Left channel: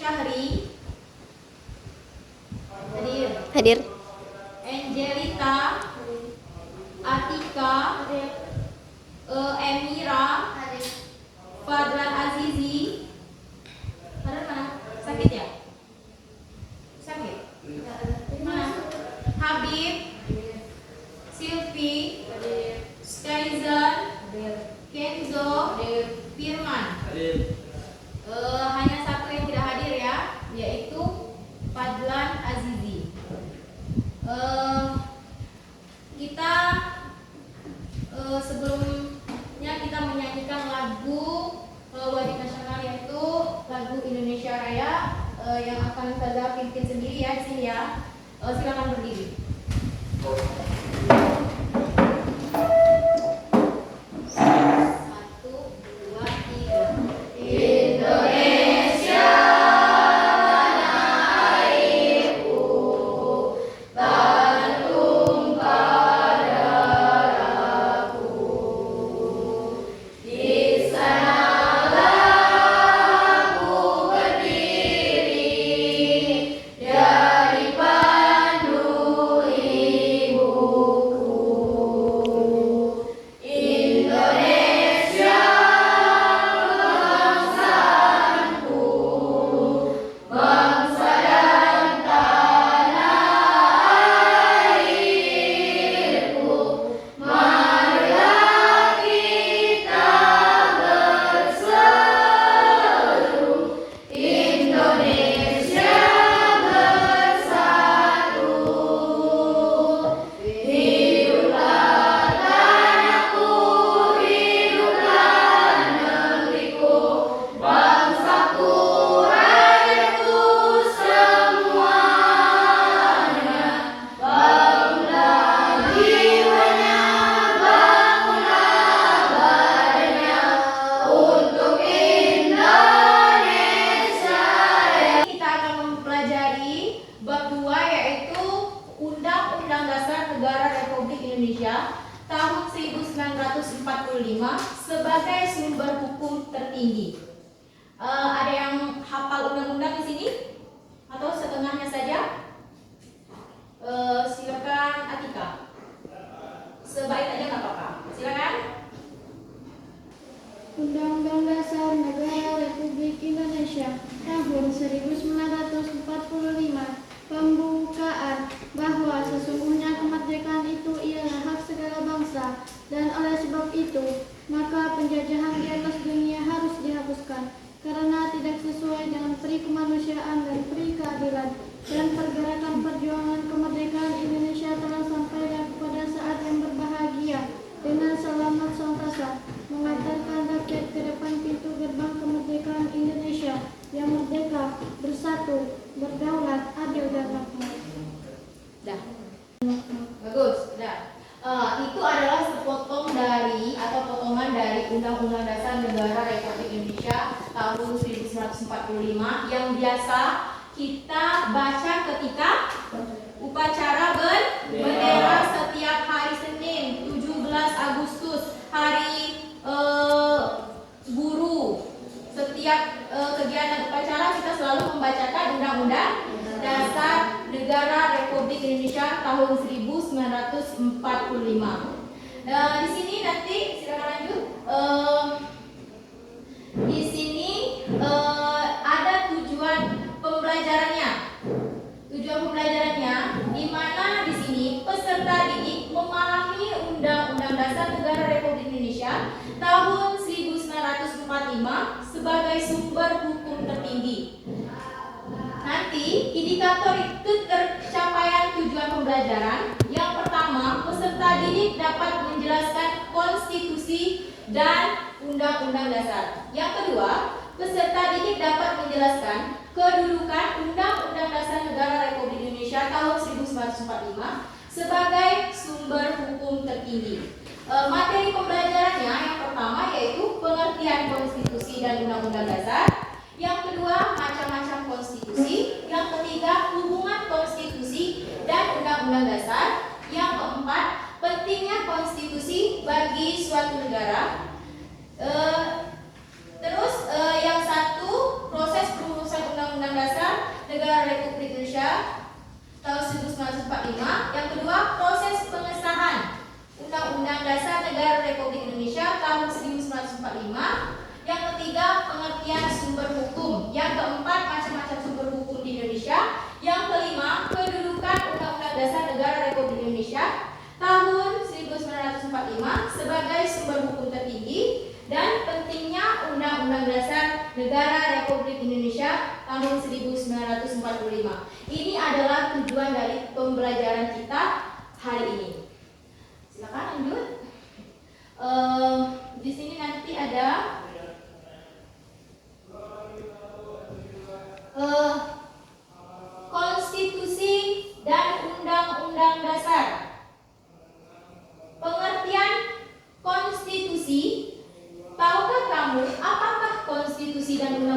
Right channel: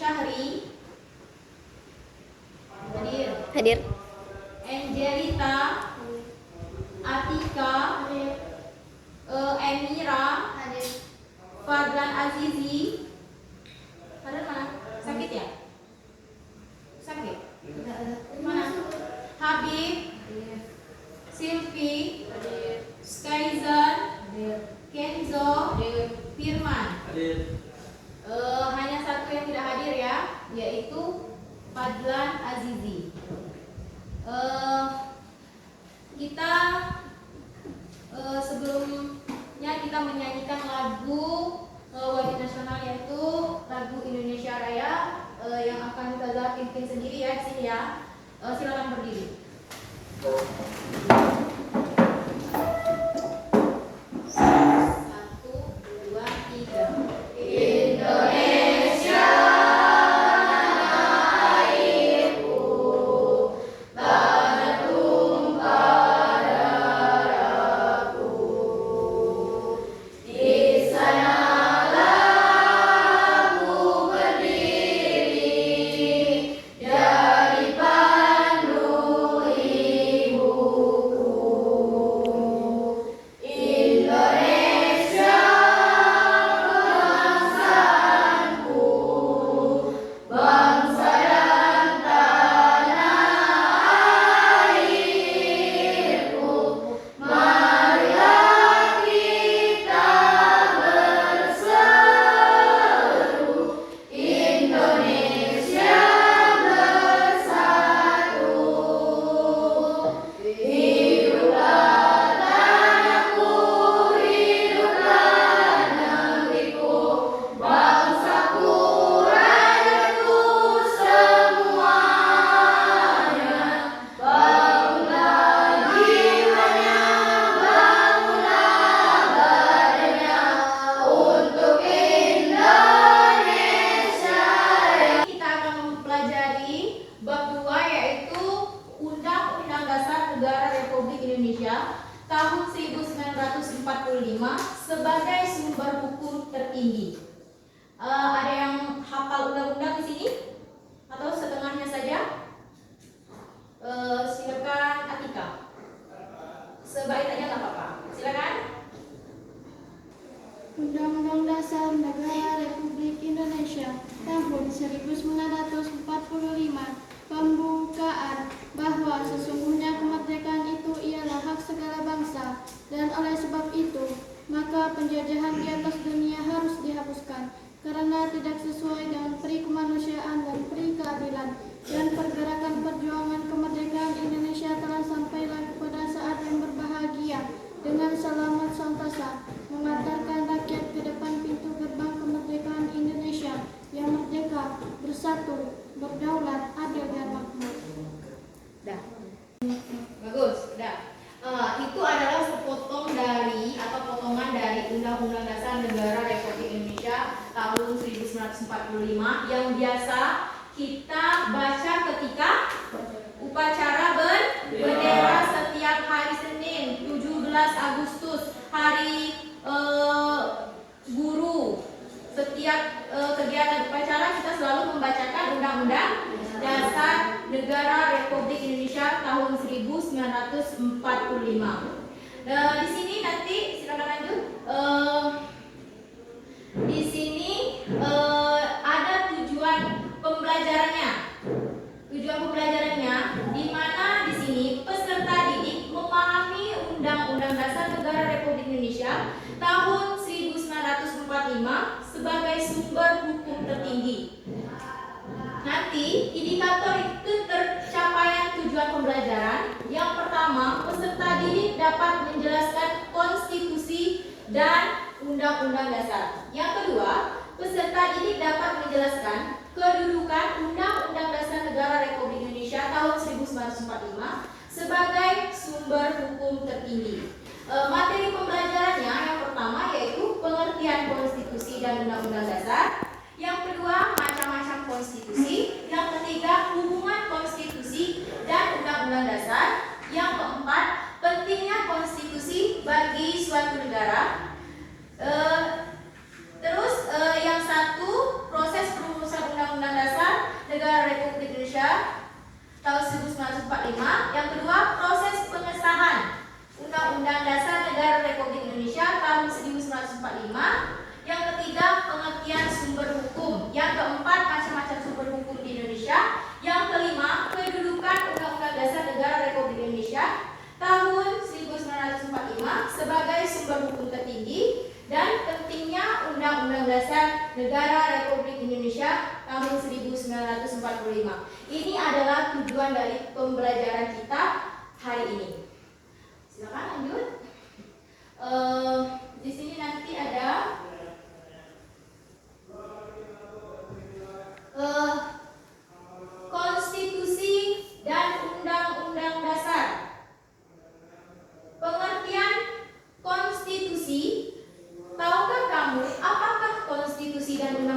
Syahri Hadir. Angelita, Atika, Emira, Fadlan Azizi. Fadlan mana? Sakit ya? Sakit? Mana? Habib, Silvi, Skyzan, Kenzo, Firman. Hanya satu yang tidak hadir ya, yaitu Fadlan Azizi. Kita sebelumnya kita menyanyikan lagu wajib nasional, yaitu lagu Indonesia Raya yang akan Ustazah pimpin sendiri ya di sini ya. Silakan berdiri. Tahun 1945 sebagai sumber hukum tertinggi. Ada yang hafal undang-undang di sini? Atau setengahnya saja? Silakan Atika. Sebaik aja nggak apa-apa. Silakan. Undang-Undang Dasar Negara Republik Indonesia tahun 1945 pembukaan bahwa sesungguhnya kemerdekaan itu ialah hak segala bangsa, dan oleh sebab itu maka penjajahan di atas dunia harus dihapuskan karena tidak sesuai dengan peri kemanusiaan dan peri keadilan, dan pergerakan perjuangan kemerdekaan Indonesia telah sampailah pada saat yang berbahagia dengan selamat santasa mengantarkan rakyat ke depan pintu gerbang kemerdekaan Indonesia yang merdeka, bersatu, berdaulat, adil dan makmur. Dah. Bagus, dah. Itu adalah sepotong dari atau potongan dari Undang-Undang Dasar Negara Republik Indonesia tahun 1945 yang biasa kita baca ketika upacara bendera setiap hari Senin 17 Agustus, hari guru. Setiap kegiatan upacara kita selalu membacakan Undang-Undang Dasar Negara Republik Indonesia tahun 1945. Di sini nanti silakan lanjut. Di sini ada tujuan pembelajarannya. Tujuan pembelajarannya di mana di sini peserta didik memahami Undang-Undang Dasar Negara Republik Indonesia tahun 1945 sebagai sumber hukum tertinggi. Nanti indikator itu tercapaian tujuan pembelajaran. Yang pertama, peserta didik dapat menjelaskan konstitusi dan undang-undang dasar. Yang kedua, peserta didik dapat menjelaskan kedudukan Undang-Undang Dasar Negara Republik Indonesia tahun 1945 sebagai sumber hukum tertinggi. Materi pembelajarannya yang pertama yaitu pengertian konstitusi dan undang-undang dasar. Yang kedua, macam-macam konstitusi. Yang ketiga, hubungan konstitusi dan undang-undang dasar. Yang keempat, pentingnya konstitusi bagi suatu negara. Terus yang satu, proses perumusan undang-undang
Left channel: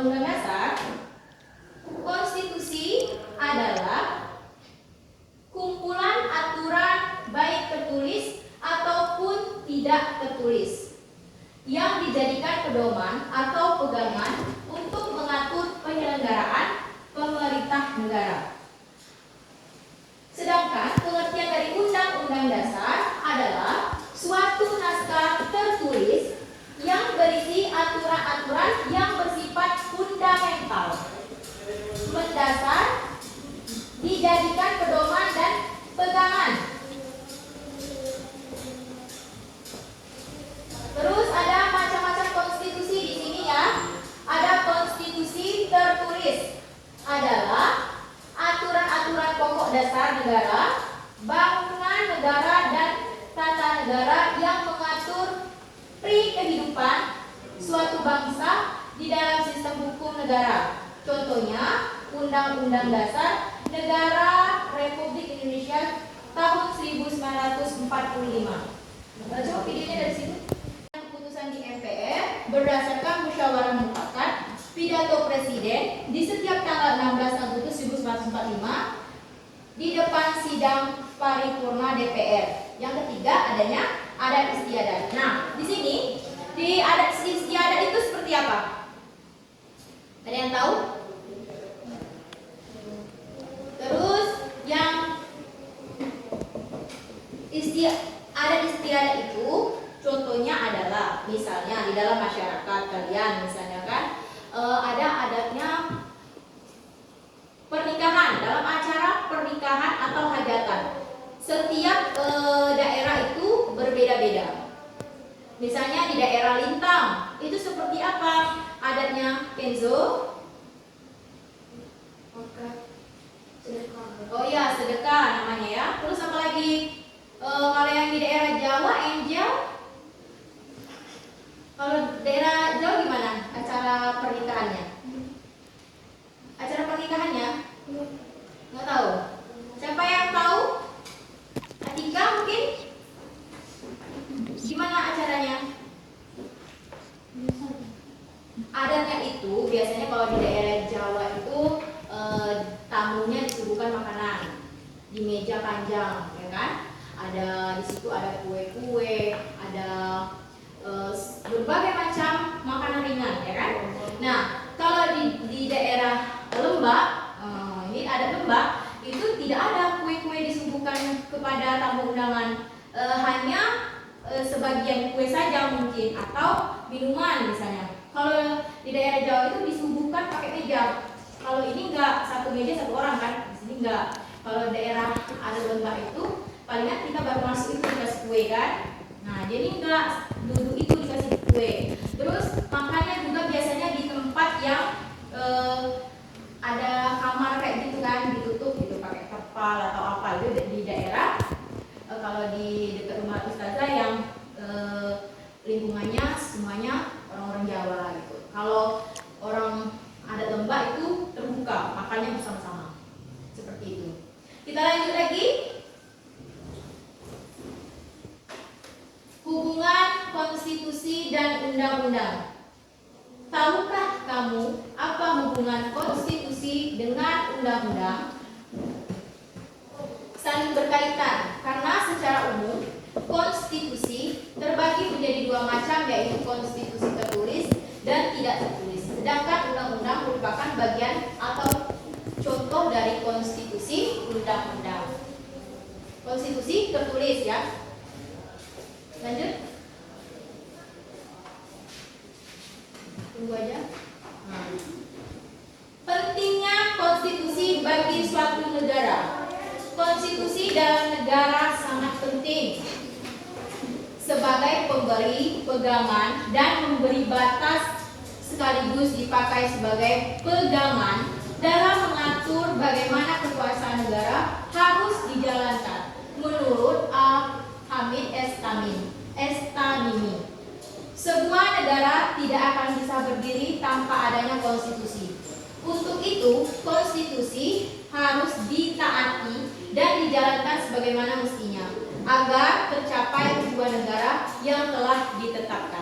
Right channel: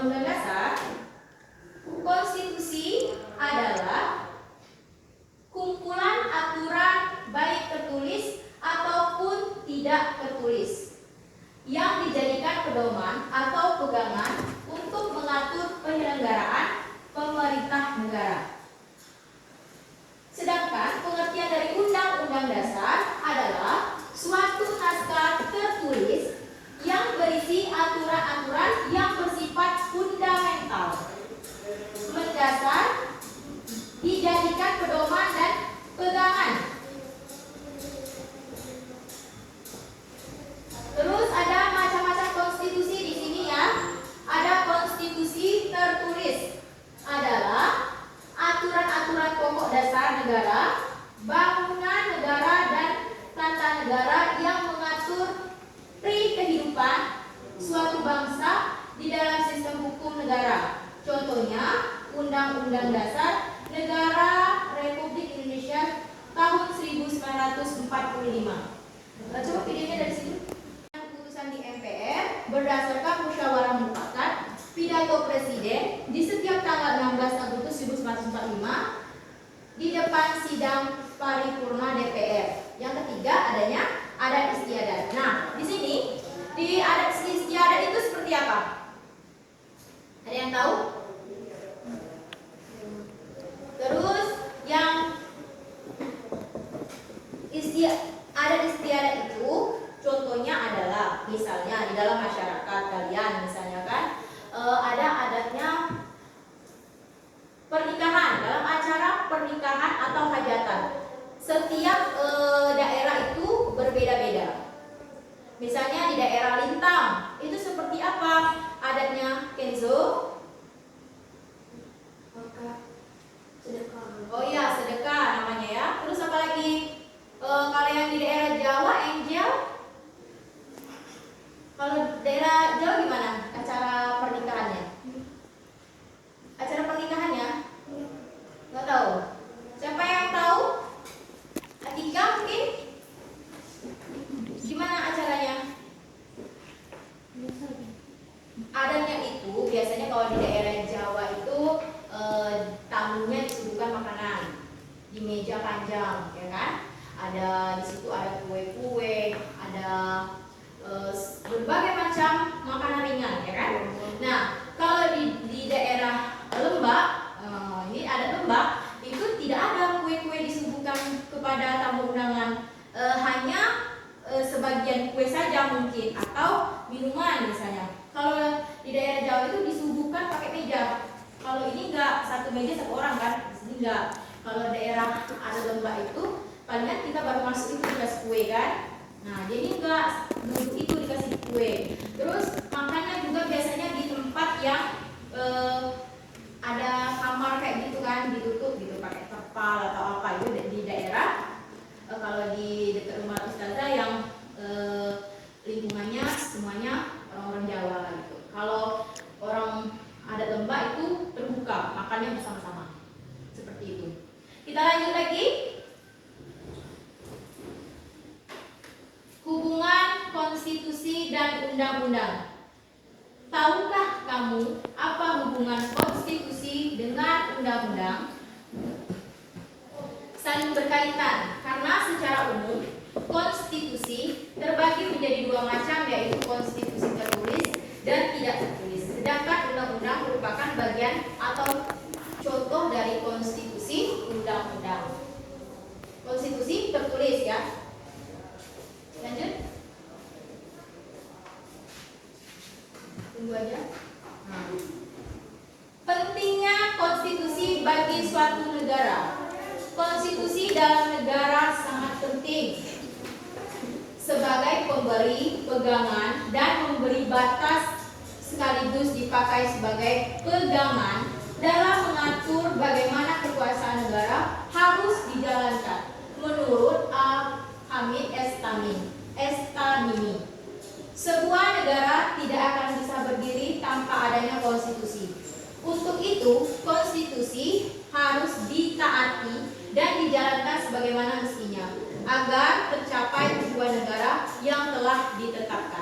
Undang-Undang Dasar, konstitusi adalah kumpulan aturan baik tertulis ataupun tidak tertulis yang dijadikan pedoman atau pegangan untuk mengatur penyelenggaraan pemerintah negara. Sedangkan pengertian dari Undang-Undang Dasar adalah suatu naskah tertulis yang berisi aturan-aturan yang bersifat fundamental, mendasar, dijadikan pedoman dan pegangan. Terus ada macam-macam konstitusi di sini ya. Ada konstitusi tertulis, adalah aturan-aturan pokok dasar negara, bangunan negara dan tata negara yang mengatur kehidupan suatu bangsa di dalam sistem hukum negara. Contohnya Undang-Undang Dasar Negara Republik Indonesia tahun 1945. Coba videonya dari situ. Keputusan di MPR berdasarkan musyawarah mufakat pidato Presiden di setiap tanggal 16 Agustus 1945 di depan sidang paripurna DPR. Yang ketiga adanya adat istiadat. Nah, di sini di adat istiadat itu seperti apa? Ada yang tahu? Terus yang adat istiadat itu contohnya adalah misalnya di dalam masyarakat kalian misalnya kan ada adatnya pernikahan, dalam acara pernikahan atau hajatan. Setiap daerah itu berbeda-beda. Misalnya di daerah Lintang itu seperti apa adatnya, Kenzo? Oh iya, sedekah namanya ya. Terus apa lagi? Kalau yang di daerah Jawa, Angel? Kalau daerah Jawa gimana acara pernikahannya? Acara pernikahannya? Nggak tahu. Siapa yang tahu? Atika mungkin? Gimana acaranya? Adatnya itu biasanya kalau di daerah Jawa itu tamunya disuguhkan makanan di meja panjang, ya kan? Ada di situ ada kue-kue, ada berbagai macam makanan ringan, ya kan? Nah, kalau di daerah Lembak, ini ada Lembak, itu tidak ada kue-kue disuguhkan kepada tamu undangan, hanya sebagian kue saja mungkin atau minuman misalnya. Kalau di daerah Jawa itu disuguhkan pakai meja. Kalau ini enggak, satu meja satu orang kan, di sini enggak. Kalau daerah ada Lembak itu palingan kita baru masuk itu dikasih kue kan. Nah, jadi enggak duduk itu dikasih kue. Terus makannya juga biasanya di tempat yang ada kamar kayak gitu kan, ditutup gitu pakai terpal atau apa itu di daerah. Kalau di dekat rumah ustazah yang lingkungannya semuanya orang-orang Jawa gitu. Kalau orang adat Lembak itu terbuka, makannya bersama-sama. Seperti itu. Kita lanjut lagi. Hubungan konstitusi dan undang-undang. Tahukah kamu apa hubungan konstitusi dengan undang-undang? Saling berkaitan karena secara umum konstitusi terbagi menjadi dua macam, yaitu konstitusi tertulis dan tidak tertulis. Sedangkan undang-undang merupakan bagian atau contoh dari konstitusi undang-undang. Konstitusi tertulis ya. Lanjut. Tunggu aja. Pentingnya konstitusi bagi suatu negara. Konstitusi dalam negara sangat penting sebagai pemberi pegangan dan memberi batas sekaligus dipakai sebagai pegangan dalam mengatur bagaimana kekuasaan negara harus dijalankan menurut Al-Hamid Estamimi. Sebuah negara tidak akan bisa berdiri tanpa adanya konstitusi. Untuk itu, konstitusi harus ditaati dan dijalankan sebagaimana mestinya agar tercapai tujuan negara yang telah ditetapkan.